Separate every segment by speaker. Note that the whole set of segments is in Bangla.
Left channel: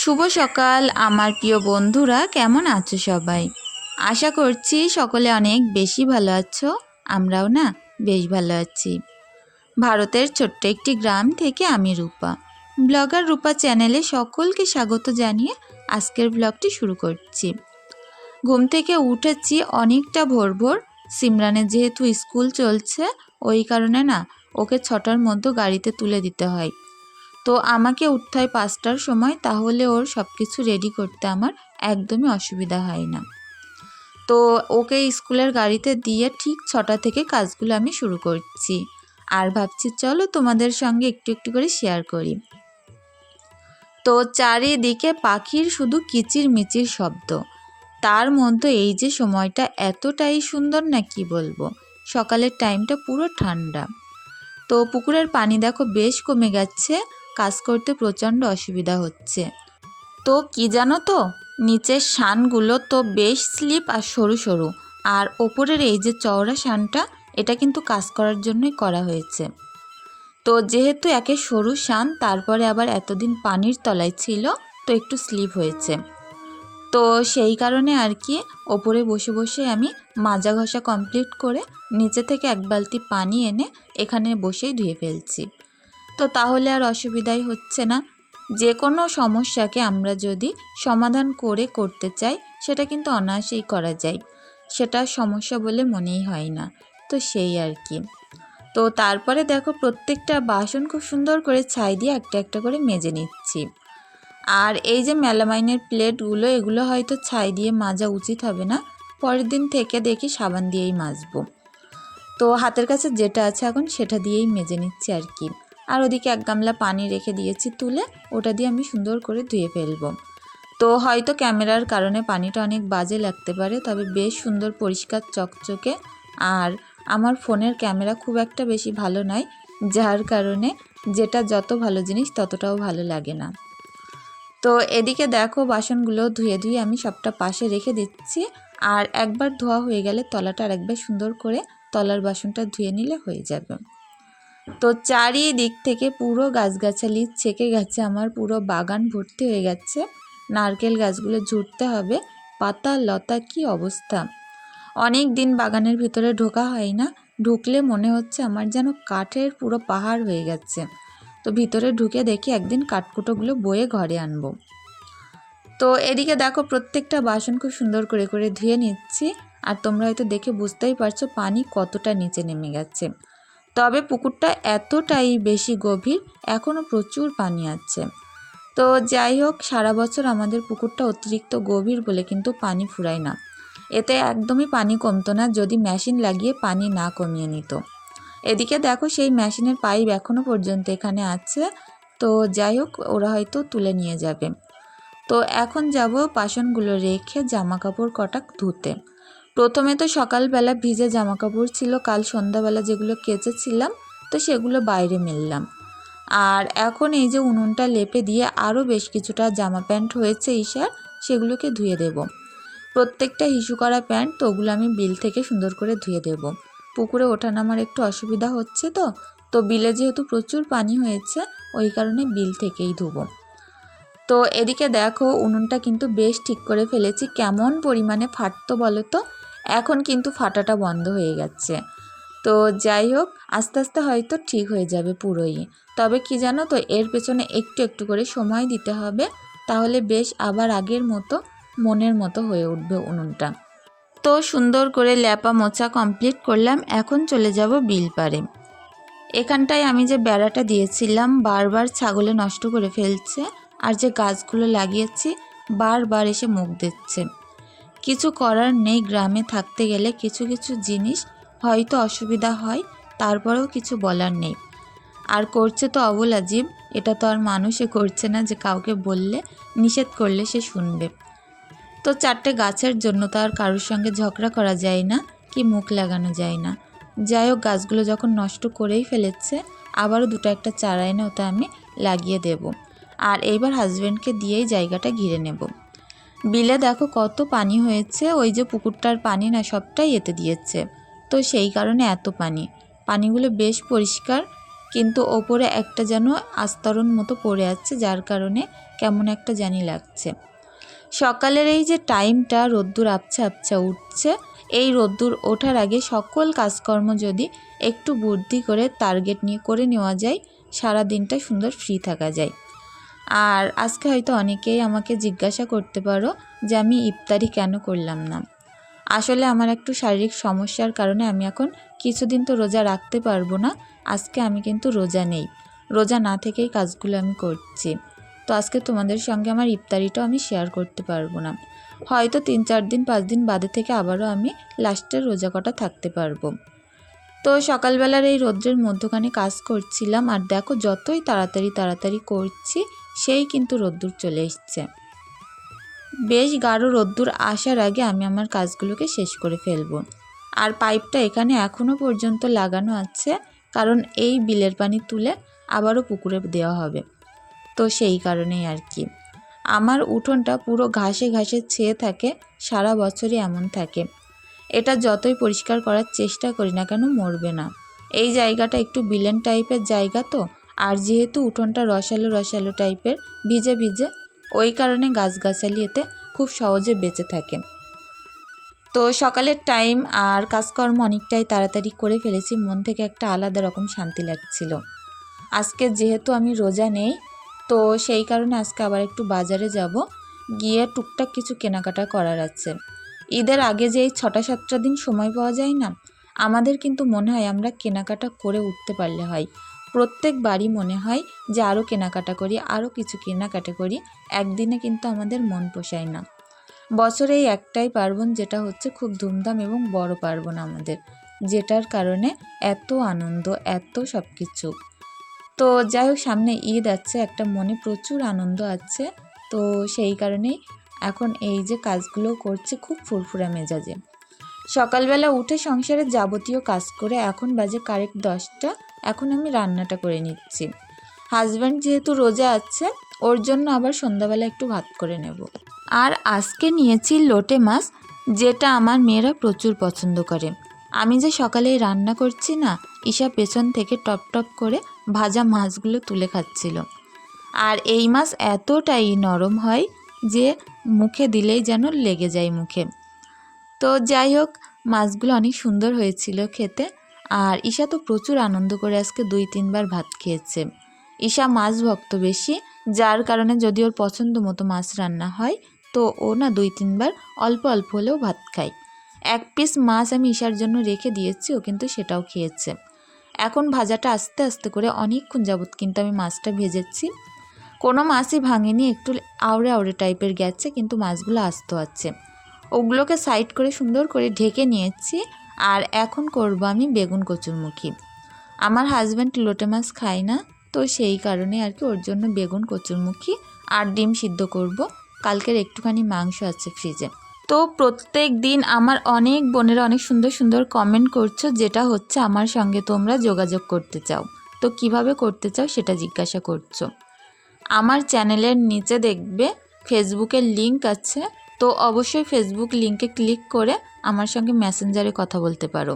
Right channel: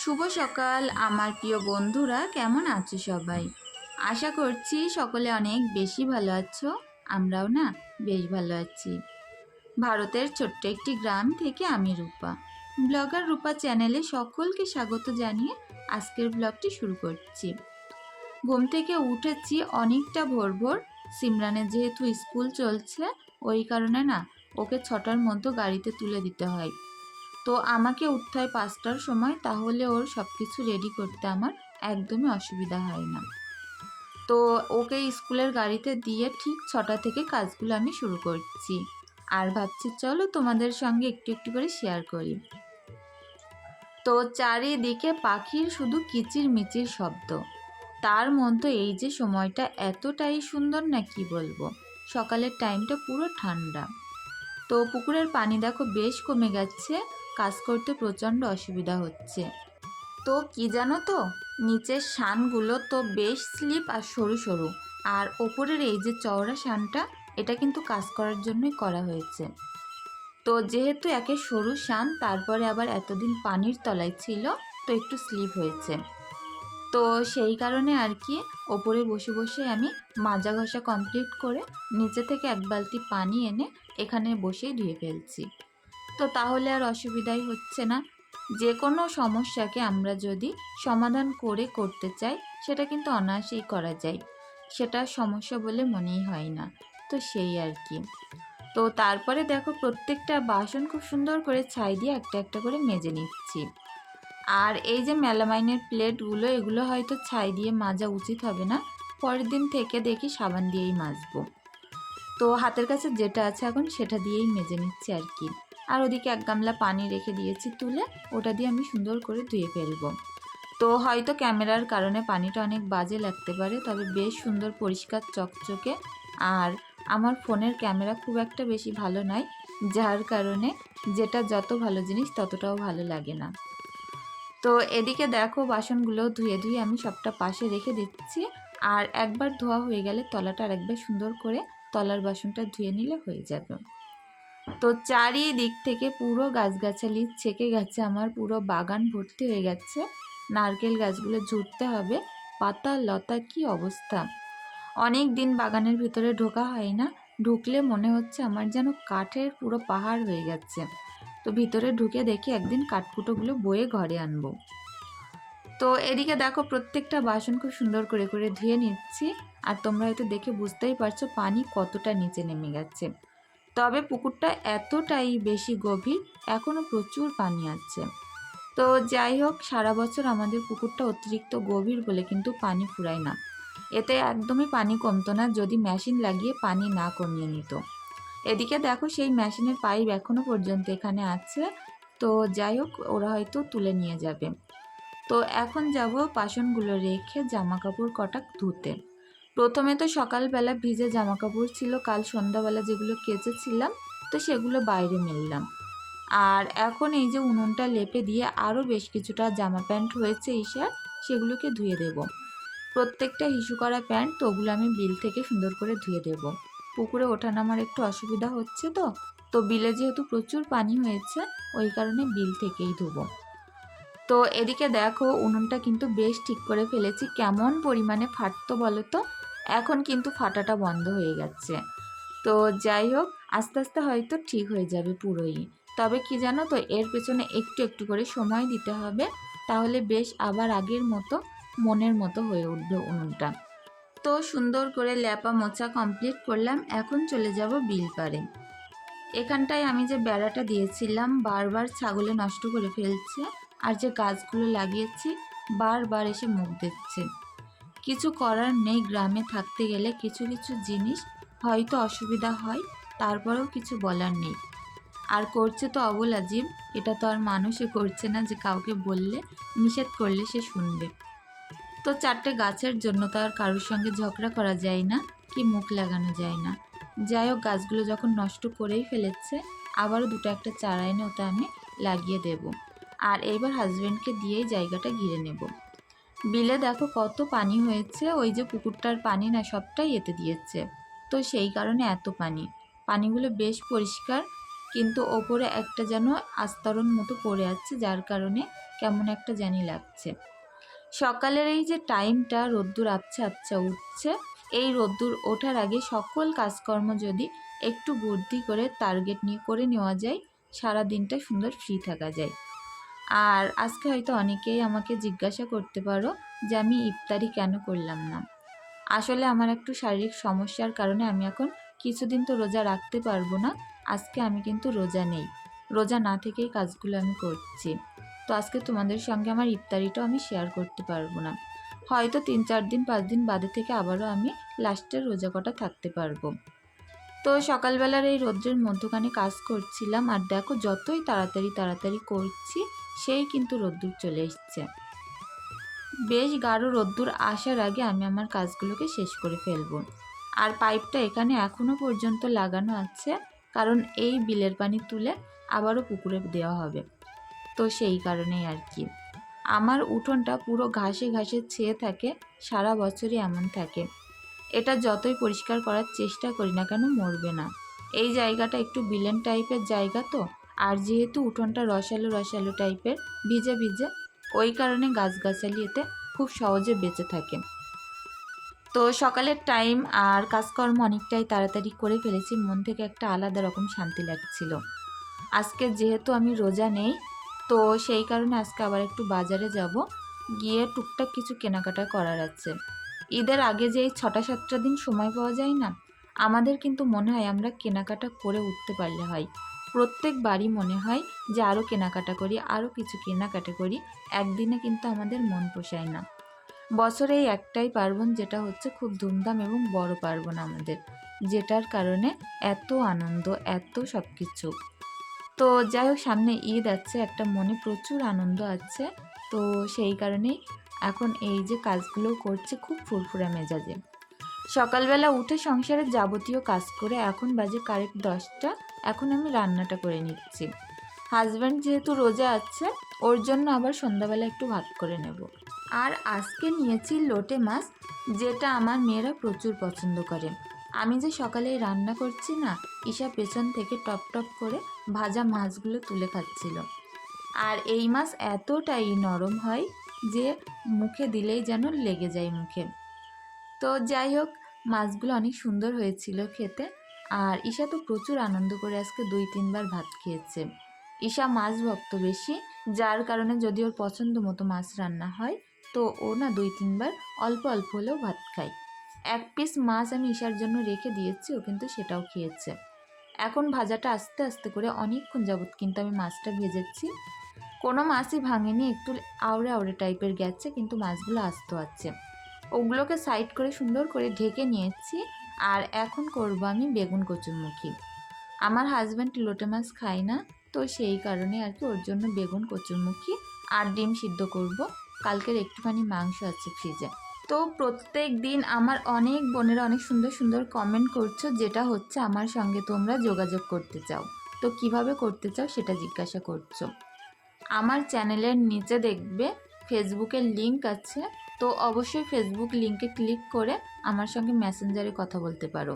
Speaker 1: শুভ সকাল, আমার প্রিয় বন্ধুরা, কেমন আছো সবাই? আশা করছি সকলে অনেক বেশি ভালো আছো, আমরাও না বেশ ভালো আছি। ভারতের ছোট্ট একটি গ্রাম থেকে আমি রূপা। ব্লগার রূপা চ্যানেলে সকলকে স্বাগত জানিয়ে আজকের ব্লগটি শুরু করছি। ঘুম থেকে উঠেছি অনেকটা ভোর ভোর। সিমরানের যেহেতু স্কুল চলছে, ওই কারণে না ওকে ছটার মধ্যে গাড়িতে তুলে দিতে হয়। তো আমাকে উঠতে পাঁচটার সময় তাহলে ওর সব কিছু রেডি করতে আমার একদমই অসুবিধা হয় না। তো ওকে স্কুলের গাড়িতে দিয়ে ঠিক ছটা থেকে কাজগুলো আমি শুরু করছি। আর ভাবছি চলো তোমাদের সঙ্গে একটু একটু করে শেয়ার করি। তো চারিদিকে পাখির শুধু কিচির মিচির শব্দ। তার মধ্যে এই যে সময়টা এতটাই সুন্দর না কি বলব? সকালের টাইমটা পুরো ঠান্ডা। তো পুকুরের পানি দেখো বেশ কমে গেছে। কাজ করতে প্রচণ্ড অসুবিধা হচ্ছে। তো কি জানো তো, নিচের শানগুলো তো বেশ স্লিপ আর সরু সরু। আর ওপরের এই যে চওড়া শানটা, এটা কিন্তু কাজ করার জন্যই করা হয়েছে। তো যেহেতু একে সরু শান, তারপরে আবার এতদিন পানির তলায় ছিল, তো একটু স্লিপ হয়েছে। তো সেই কারণে আর কি, ওপরে বসে বসে আমি মাজা ঘষা কমপ্লিট করে নিচে থেকে এক বালতি পানি এনে এখানে বসেই ধুয়ে ফেলছি। তো তাহলে আর অসুবিধাই হচ্ছে না। যে কোনো সমস্যাকে আমরা যদি সমাধান করে করতে চাই, সেটা কিন্তু অনায়াসেই করা যায়। সেটা সমস্যা বলে মনেই হয় না। তো সেই আর কি। তো তারপরে দেখো প্রত্যেকটা বাসন খুব সুন্দর করে ছাই দিয়ে একটা একটা করে মেজে নিচ্ছি। আর এই যে মেলামাইনের প্লেটগুলো, এগুলো হয়তো ছাই দিয়ে মাজা উচিত হবে না। পরের দিন থেকে দেখি সাবান দিয়েই মাজবো। তো হাতের কাছে যেটা আছে এখন সেটা দিয়েই মেজে নিচ্ছি আর কি। আর ওদিকে এক গামলা পানি রেখে দিয়েছি তুলে, ওটা দিয়ে আমি সুন্দর করে ধুয়ে ফেলব। তো হয়তো ক্যামেরার কারণে পানিটা অনেক বাজে লাগতে পারে, তবে বেশ সুন্দর পরিষ্কার চকচকে। আর আমার ফোনের ক্যামেরা খুব একটা বেশি ভালো নয়, যার কারণে যেটা যত ভালো জিনিস ততটাও ভালো লাগে না। তো এদিকে দেখো বাসনগুলো ধুয়ে ধুয়ে আমি সবটা পাশে রেখে দিচ্ছি। আর একবার ধোয়া হয়ে গেলে তলাটা আর একবার সুন্দর করে তলার বাসনটা ধুয়ে নিলে হয়ে যাবে। তো চারিদিক থেকে পুরো গাছগাছালি ছেকে গেছে, আমার পুরো বাগান ভর্তি হয়ে গেছে। নারকেল গাছগুলো ঝুড়তে হবে পাতা লতা কি অবস্থা? অনেক দিন বাগানের ভিতরে ঢোকা হয় না, ঢুকলে মনে হচ্ছে আমার যেন কাঠের পুরো পাহাড় হয়ে গেছে। তো ভিতরে ঢুকে দেখি একদিন কাঠকুটোগুলো বয়ে ঘরে আনব। তো এদিকে দেখো প্রত্যেকটা বাসন খুব সুন্দর করে করে ধুয়ে নিচ্ছি, আর তোমরা হয়তো দেখে বুঝতেই পারছ পানি কতটা নিচে নেমে গেছে। তবে পুকুরটা এতটাই বেশি গভীর এখনও প্রচুর পানি আছে। তো যাই হোক, সারা বছর আমাদের পুকুরটা অতিরিক্ত গভীর বলে কিন্তু পানি ফুরায় না। এতে একদমই পানি কমতো না, যদি মেশিন লাগিয়ে পানি না কমিয়ে নিত। এদিকে দেখো, সেই মেশিনের পাইপ এখনও পর্যন্ত এখানে আছে। তো যাই হোক, ওরা হয়তো তুলে নিয়ে যাবে। তো এখন যাব বাসনগুলো রেখে জামা কাপড় কটা ধুতে। প্রথমে তো সকালবেলা ভিজে জামা কাপড় ছিল, কাল সন্ধ্যাবেলা যেগুলো কেচেছিলাম, তো সেগুলো বাইরে মেললাম। আর এখন এই যে উনুনটা লেপে দিয়ে আরও বেশ কিছুটা জামা প্যান্ট হয়েছে ঈশার, সেগুলোকে ধুয়ে দেব। প্রত্যেকটা হিসু করা প্যান্ট তো ওগুলো আমি বিল থেকে সুন্দর করে ধুয়ে দেব। পুকুরে ওঠা নামার একটু অসুবিধা হচ্ছে তো তো বিলে যেহেতু প্রচুর পানি হয়েছে, ওই কারণে বিল থেকেই ধুবো। তো এদিকে দেখো, উনুনটা কিন্তু বেশ ঠিক করে ফেলেছি, কেমন পরিমাণে ফাটতো বলো তো? এখন কিন্তু ফাটাটা বন্ধ হয়ে গেছে। তো যাই হোক, আস্তে আস্তে হয়তো ঠিক হয়ে যাবে পুরোই। তবে কি জানো তো, এর পেছনে একটু একটু করে সময় দিতে হবে, তাহলে বেশ আবার আগের মতো মনের মতো হয়ে উঠবে উনুনটা। তো সুন্দর করে ল্যাপা মোচা কমপ্লিট করলাম, এখন চলে যাব বিল পারে এখানটায় আমি যে বেড়াটা দিয়েছিলাম, বারবার ছাগলে নষ্ট করে ফেলছে, আর যে গাছগুলো লাগিয়েছি, বারবার এসে মুখ দিচ্ছে। কিছু করার নেই গ্রামে থাকতে গেলে কিছু কিছু জিনিস হয়তো অসুবিধা হয়, তারপরেও কিছু বলার নেই। আর করছে তো অবল আজীব এটা তো আর মানুষই করছে না যে কাউকে বললে, নিষেধ করলে সে শুনবে। তো চারটে গাছের জন্য তো আর কারোর সঙ্গে ঝগড়া করা যায় না, কি মুখ লাগানো যায় না। যাই হোক, গাছগুলো যখন নষ্ট করেই ফেলেছে, আবারও দুটো একটা চারা এনে ওটা আমি লাগিয়ে দেব। আর এইবার হাজব্যান্ডকে দিয়েই জায়গাটা ঘিরে নেব। বিলে দেখো কত পানি হয়েছে, ওই যে পুকুরটার পানি না সবটাই এতে দিয়েছে। তো সেই কারণে এত পানি। পানিগুলো বেশ পরিষ্কার, কিন্তু ওপরে একটা যেন আস্তরণ মতো পড়ে আছে, যার কারণে কেমন একটা জানি লাগছে। সকালের এই যে টাইমটা, রোদ্দুর আপছা আপছা উঠছে, এই রোদ্দুর ওঠার আগে সকল কাজকর্ম যদি একটু বুদ্ধি করে টার্গেট নিয়ে করে নেওয়া যায় সারা দিনটা সুন্দর ফ্রি থাকা যায়। আর আজকে হয়তো অনেকেই আমাকে জিজ্ঞাসা করতে পারো যে আমি ইফতারি কেন করলাম না। আসলে আমার একটু শারীরিক সমস্যার কারণে আমি এখন কিছুদিন তো রোজা রাখতে পারব না, আজকে আমি কিন্তু রোজা নেই। রোজা না থেকেই কাজগুলো আমি করছি। তো আজকে তোমাদের সঙ্গে আমার ইফতারিটাও আমি শেয়ার করতে পারব না। হয়তো তিন চার দিন, পাঁচ দিন বাদে থেকে আবারও আমি লাস্টের রোজা কটা থাকতে পারব। তো সকালবেলার এই রৌদ্রের মধ্যখানে কাজ করছিলাম আর দেখো যতই তাড়াতাড়ি তাড়াতাড়ি করছি, সেই কিন্তু রোদ্দুর চলে এসছে। বেশ গাঢ় রোদ্দুর আসার আগে আমি আমার কাজগুলোকে শেষ করে ফেলব। আর পাইপটা এখানে এখনও পর্যন্ত লাগানো আছে, কারণ এই বিলের পানি তুলে আবারও পুকুরে দেওয়া হবে। তো সেই কারণেই আর কি। আমার উঠোনটা পুরো ঘাসে ঘাসে ছেয়ে থাকে, সারা বছরই এমন থাকে। এটা যতই পরিষ্কার করার চেষ্টা করি না কেন মরবে না। এই জায়গাটা একটু বিলেন টাইপের জায়গা তো, আর যেহেতু উঠোনটা রসালো রসালো টাইপের, ভিজে ভিজে, ওই কারণে গাছগাছালি এতে খুব সহজে বেঁচে থাকে। তো সকালের টাইম আর কাজকর্ম অনেকটাই তাড়াতাড়ি করে ফেলেছি, মন থেকে একটা আলাদা রকম শান্তি লাগছিল। আজকে যেহেতু আমি রোজা নেই, তো সেই কারণে আজকে আবার একটু বাজারে যাব, গিয়ে টুকটাক কিছু কেনাকাটা করার আছে। ঈদের আগে যে এই ছটা সাতটা দিন সময় পাওয়া যায় না, আমাদের কিন্তু মনে হয় আমরা কেনাকাটা করে উঠতে পারলে হয়। প্রত্যেক বাড়ি মনে হয় যে আরও কেনাকাটা করি আরও কিছু কেনাকাটা করি, একদিনে কিন্তু আমাদের মন পোষায় না। বছরে এই একটাই পার্বণ যেটা হচ্ছে খুব ধুমধাম এবং বড় পার্বণ আমাদের, যেটার কারণে এত আনন্দ, এত সব কিছু তো যাই হোক, সামনে ঈদ আছে, একটা মনে প্রচুর আনন্দ আছে, তো সেই কারণেই এখন এই যে কাজগুলো করছে খুব ফুরফুরা মেজাজে। সকালবেলা উঠে সংসারের যাবতীয় কাজ করে এখন বাজে কারেক্ট দশটা, এখন আমি রান্নাটা করে নিচ্ছি। হাজব্যান্ড যেহেতু রোজা আছে, ওর জন্য আবার সন্ধ্যাবেলা একটু ভাত করে নেব। আর আজকে নিয়েছি লোটে মাছ, যেটা আমার মেয়েরা প্রচুর পছন্দ করে। আমি যে সকালে রান্না করছি না, ঈশা পেছন থেকে টপ টপ করে ভাজা মাছগুলো তুলে খাচ্ছিল। আর এই মাছ এতটাই নরম হয় যে মুখে দিলেই যেন লেগে যায় মুখে। তো যাই হোক, মাছগুলো অনেক সুন্দর হয়েছিল খেতে। আর ঈশা তো প্রচুর আনন্দ করে আজকে দুই তিনবার ভাত খেয়েছে। ঈশা মাছ ভক্ত বেশি, যার কারণে যদি ওর পছন্দ মতো মাছ রান্না হয়, তো ও না দুই তিনবার অল্প অল্প হলেও ভাত খায়। এক পিস মাছ আমি ঈশার জন্য রেখে দিয়েছি, ও কিন্তু সেটাও খেয়েছে। এখন ভাজাটা আস্তে আস্তে করে অনেকক্ষণ যাবত কিন্তু আমি মাছটা ভেজেছি। কোনো মাছই ভাঙেনি, একটু আওড়ে আউড়ে টাইপের গেছে, কিন্তু মাছগুলো আস্ত আছে। ওগুলোকে সাইড করে সুন্দর করে ঢেকে নিয়েছি, আর এখন করব আমি বেগুন কচুরমুখী। আমার হাজব্যান্ড লোটে মাছ খায় না, তো সেই কারণে আর কি ওর জন্য বেগুন কচুরমুখী আর ডিম সিদ্ধ করব। কালকের একটুখানি মাংস আছে ফ্রিজে তো প্রত্যেক দিন আমার অনেক বোনেরা অনেক সুন্দর সুন্দর কমেন্ট করছ, যেটা হচ্ছে আমার সঙ্গে তোমরা যোগাযোগ করতে চাও। তো কীভাবে করতে চাও সেটা জিজ্ঞাসা করছ। আমার চ্যানেলের নিচে দেখবে ফেসবুকের লিংক আছে, তো অবশ্যই ফেসবুক লিংকে ক্লিক করে আমার সঙ্গে মেসেঞ্জারে কথা বলতে পারো।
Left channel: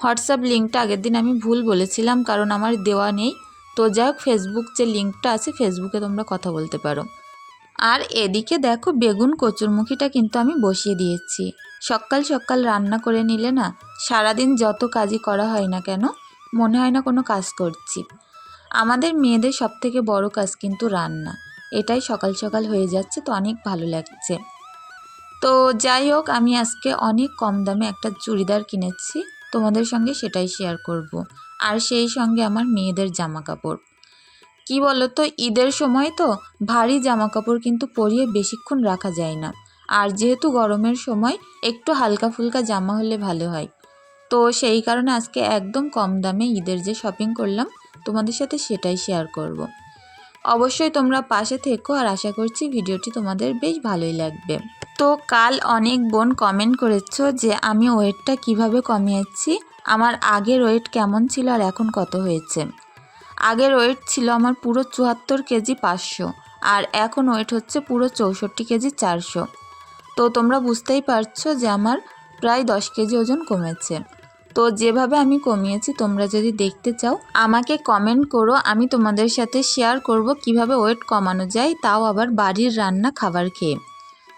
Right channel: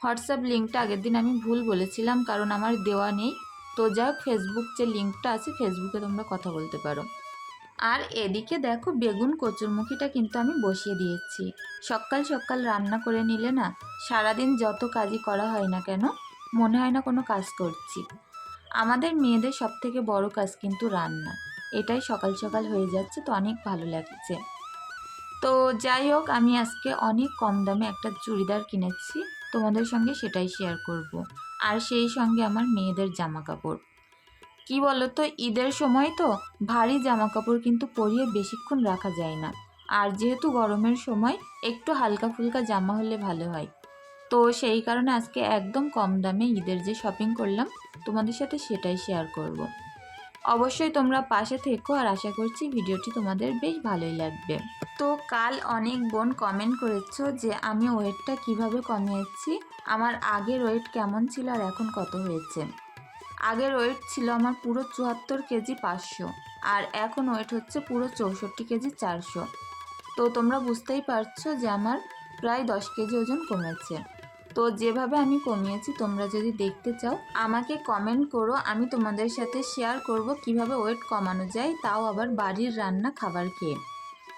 Speaker 1: হোয়াটসঅ্যাপ লিঙ্কটা আগের দিন আমি ভুল বলেছিলাম, কারণ আমার দেওয়া নেই। তো যাই হোক ফেসবুক যে লিঙ্কটা আছে, ফেসবুকে তোমরা কথা বলতে পারো। আর এদিকে দেখো, বেগুন কচুরমুখিটা কিন্তু আমি বসিয়ে দিয়েছি। সকাল সকাল রান্না করে নিলে না, সারাদিন যত কাজই করা হয় না কেন, মনে হয় না কোনো কাজ করছি। আমাদের মেয়েদের সব থেকে বড় কাজ কিন্তু রান্না। এটাই সকাল সকাল হয়ে যাচ্ছে, তো অনেক ভালো লাগছে। তো যাই হোক, আমি আজকে অনেক কম দামে একটা চুড়িদার কিনেছি, তোমাদের সঙ্গে সেটাই শেয়ার করব। আর সেই সঙ্গে আমার মেয়েদের জামা কাপড় কি বলো তো ঈদের সময় তো ভারী জামা কাপড় কিন্তু পরিয়ে বেশিক্ষণ রাখা যায় না। আর যেহেতু গরমের সময়, একটু হালকা ফুলকা জামা হলে ভালো হয়। তো সেই কারণে আজকে একদম কম দামে ঈদের যে শপিং করলাম, তোমাদের সাথে সেটাই শেয়ার করব। অবশ্যই তোমরা পাশে থেকো আর আশা করছি ভিডিওটি তোমাদের বেশ ভালোই লাগবে। তো কাল অনেক বোন কমেন্ট করেছ যে আমি ওয়েটটা কীভাবে কমিয়েছি, আমার আগের ওয়েট কেমন ছিল আর এখন কত হয়েছে। আগের ওয়েট ছিল আমার পুরো চুয়াত্তর কেজি পাঁচশো আর এখন ওয়েট হচ্ছে পুরো চৌষট্টি কেজি চারশো। তো তোমরা বুঝতেই পারছ যে আমার প্রায় দশ কেজি ওজন কমেছে। তো যেভাবে আমি কমিয়েছি, তোমরা যদি দেখতে চাও, আমাকে কমেন্ট করো, আমি তোমাদের সাথে শেয়ার করব কীভাবে ওয়েট কমানো যায়, তাও আবার বাড়ির রান্না খাবার খেয়ে।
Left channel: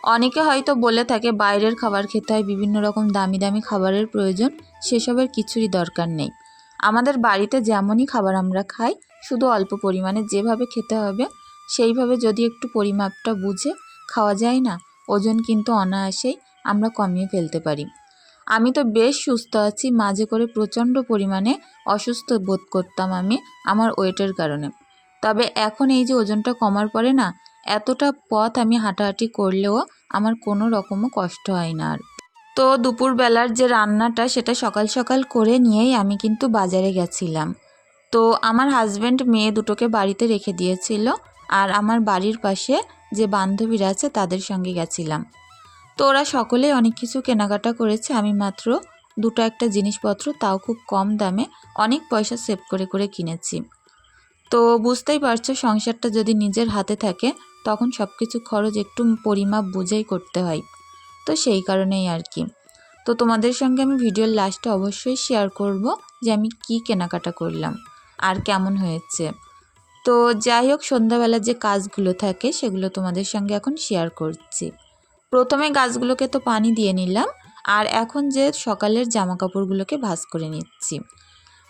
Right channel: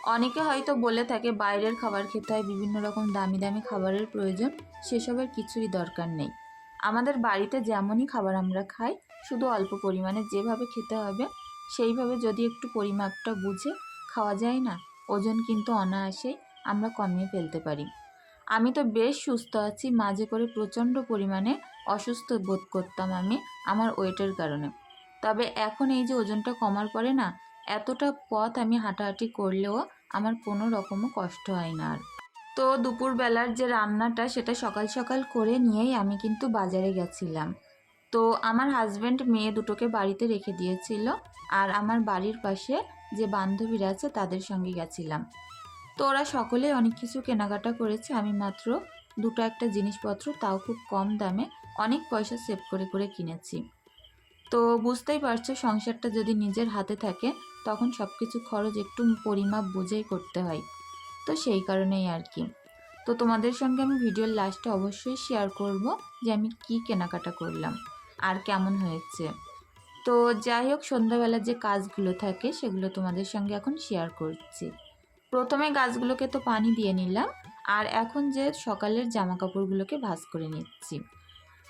Speaker 1: অনেকে হয়তো বলে থাকে, বাইরের খাবার খেতে হয়, বিভিন্ন রকম দামি দামি খাবারের প্রয়োজন, সেসবের কিছুরই দরকার নেই। আমাদের বাড়িতে যেমনই খাবার আমরা খাই, শুধু অল্প পরিমাণে যেভাবে খেতে হবে, সেইভাবে যদি একটু পরিমাপটা বুঝে, খাওয়া যায় না, ওজন কিন্তু অনায়াসেই আমরা কমিয়ে ফেলতে পারি। আমি তো বেশ সুস্থ আছি, মাঝে করে প্রচণ্ড পরিমাণে অসুস্থ বোধ করতাম আমি আমার ওয়েটের কারণে। তবে এখন এই যে ওজনটা কমার পরে না, এতটা পথ আমি হাঁটাহাঁটি করলেও আমার কোনো রকমও কষ্ট হয় না আর। তো দুপুরবেলার যে রান্নাটা সেটা সকাল সকাল করে নিয়েই আমি কিন্তু বাজারে গেছিলাম। তো আমার হাজব্যান্ড মেয়ে দুটোকে বাড়িতে রেখে দিয়েছিল আর আমার বাড়ির পাশে যে বান্ধবীরা আছে তাদের সঙ্গে গেছিলাম। তো ওরা সকলেই অনেক কিছু কেনাকাটা করেছে, আমি মাত্র দুটো একটা জিনিসপত্র, তাও খুব কম দামে অনেক পয়সা সেভ করে করে কিনেছি। তো বুঝতেই পারছ, সংসারটা যদি নিজের হাতে থাকে, তখন সব কিছু খরচ একটু পরিমাপ বুঝেই করতে হয়। তো সেই কারণেই আর কি। তো তোমাদের সঙ্গে আমি ভিডিওর লাস্টে অবশ্যই শেয়ার করব যে আমি কি কেনাকাটা করলাম আর কেমন হয়েছে। তো যাই হোক সন্ধ্যাবেলার যে কাজগুলো থাকে, সেগুলো তোমাদের সঙ্গে এখন শেয়ার করছি। প্রথমে গাছগুলোকে তো পানি দিয়ে নিলাম, আর এখন যে সকালের জামা কাপড়গুলোকে ভাঁজ করে নিচ্ছি।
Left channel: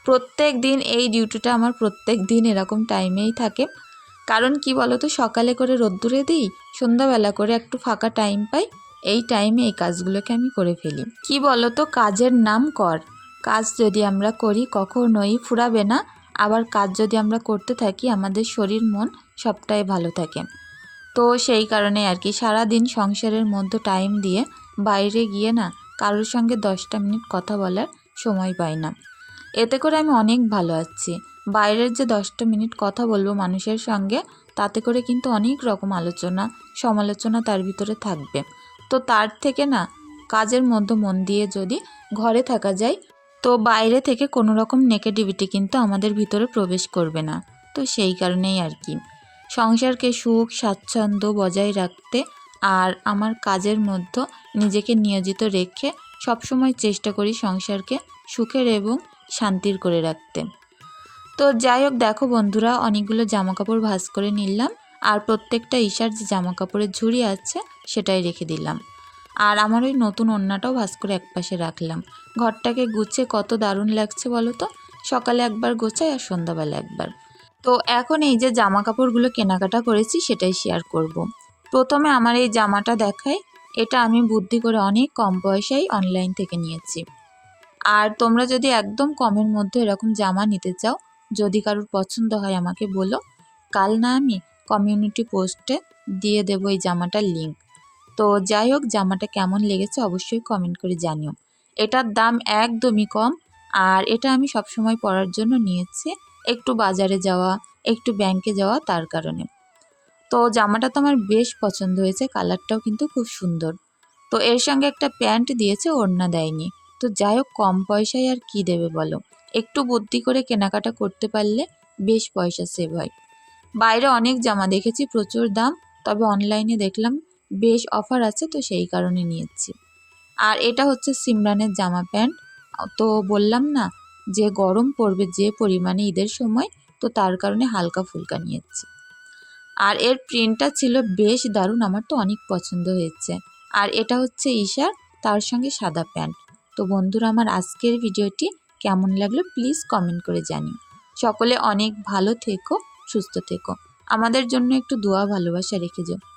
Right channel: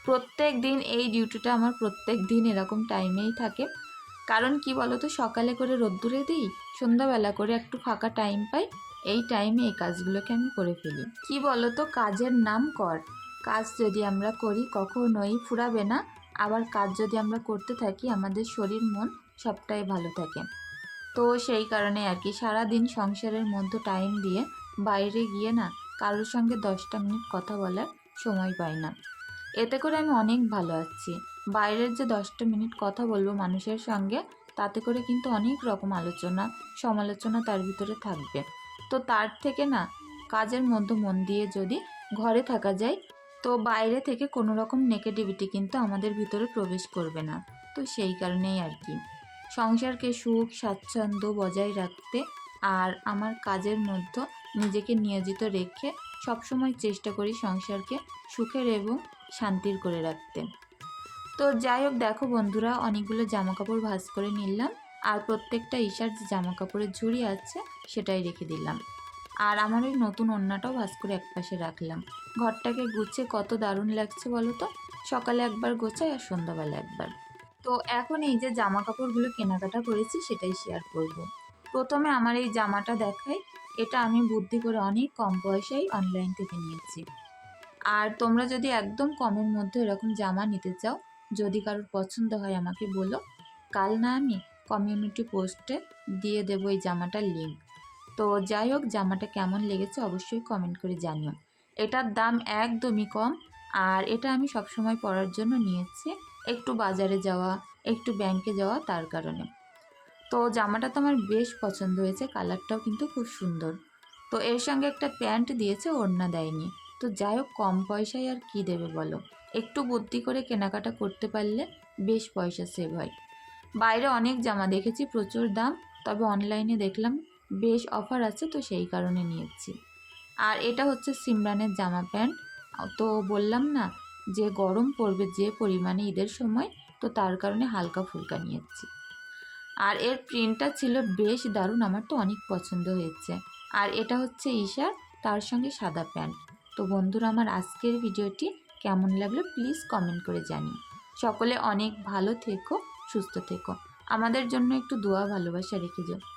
Speaker 1: প্রত্যেক দিন এই ডিউটিটা আমার প্রত্যেক দিন এরকম টাইমেই থাকে। কারণ কি বলো তো সকালে করে রোদ্দুরে দিই, সন্ধ্যাবেলা করে একটু ফাঁকা টাইম পাই, এই টাইমে এই কাজগুলোকে আমি করে ফেলি। কি বলো তো কাজের নাম কর। কাজ যদি আমরা করি কখনোই ফুরাবে না, আবার কাজ যদি আমরা করতে থাকি, আমাদের শরীর মন সবটাই ভালো থাকে। তো সেই কারণে আর কি সারাদিন সংসারের মধ্যে টাইম দিয়ে বাইরে গিয়ে না কারোর সঙ্গে দশটা মিনিট কথা বলার সময় পাই না। এতে করে আমি অনেক ভালো আছি। বাইরের যে দশটা মিনিট কথা বলব মানুষের সঙ্গে, তাতে করে কিন্তু অনেক রকম আলোচনা, সমালোচনা তার ভিতরে থাকবে। তো তার থেকে না কাজের মধ্যে মন দিয়ে যদি ঘরে থাকা যায়, তো বাইরে থেকে কোনো রকম নেগেটিভিটি কিন্তু আমাদের ভিতরে প্রবেশ করবে না। তো সেই কারণেই আর কি। সংসারকে সুখ, স্বাচ্ছন্দ্য বজায় রাখতে আর আমার কাজের মধ্যে নিজেকে নিয়োজিত রেখে সবসময় চেষ্টা করি সংসারকে সুখের এবং শান্তির করে রাখতে। তো যাই হোক, দেখো বন্ধুরা, অনেকগুলো জামা কাপড় ভাঁজ করে নিলাম আর প্রত্যেকটা ঈশার যে জামা কাপড়ের ঝুড়ি আছে সেটাই রেখে দিলাম। আর আমার ওই নতুন ওড়নাটাও ভাঁজ করে একপাশে রাখলাম। ঘরটাকে গুছিয়ে কত দারুণ লাগছে বলো তো? সকালে একবার গোছাই আর সন্ধ্যাবেলা একবার। তো এখন এই যে জামা কাপড়গুলো কেনাকাটা করেছি সেটাই শেয়ার করব। প্রথমে আমার এই জামাটা দেখাই। এটা আমি বুদ্ধি করে অনেক কম পয়সায় অনলাইন থেকে নিয়েছি। আর তোমরা যদি একদম কমের মধ্যে এরকম জামা নিতে চাও, যদি কারোর পছন্দ হয় আমাকে বলো। কাল না আমি কমিউনিটি পোস্টে দিয়ে দেবো এই জামাটার লিঙ্ক তো যাই হোক, জামাটা কেমন লেগেছে অবশ্যই কমেন্ট করে জানিও। এটার দাম একদমই কম। আর এটা আমি সবসময় পরার জন্য নিয়েছি। একটু বাজারে যাওয়া, একটু ব্যাংকে যাওয়া তার কারণে। তো জামাটা তো আমার বেশ পছন্দ হয়েছে কালারটাও কিন্তু খুব সুন্দর। তো এর সঙ্গে একটা প্যান্ট দিয়েছে, ওড়না দেয়নি। তো যাই হোক, কম পয়সায় আর কি দেবে বলো? একটু বুদ্ধি করে কেনাকাটা করতে পারলে বেশ পয়সা সেভ হয়। বাইরে অনেক জামা দেখেছি, প্রচুর দাম, তবে অনলাইনে দেখলাম বেশ অফার আছে, তো সেই কারণে নিয়েছি। আর এটা হচ্ছে সিমরানের জামা প্যান্ট। তো বললাম না যে গরম পড়বে যে পরিমাণে ঈদের সময়, তো তার কারণে হালকা ফুলকা নিয়েছি। আর এর প্রিন্টটা ছিল বেশ দারুণ, আমার তো অনেক পছন্দ হয়েছে। আর এটা হচ্ছে ঈশার, তার সঙ্গে সাদা প্যান্ট। তো বন্ধুরা, আমার আজকের ভিডিওটি কেমন লাগল প্লিজ কমেন্ট করে জানিও। সকলে অনেক ভালো থেকো, সুস্থ থেকো। আমাদের জন্য একটু দোয়া ভালোবাসা রেখে যাও।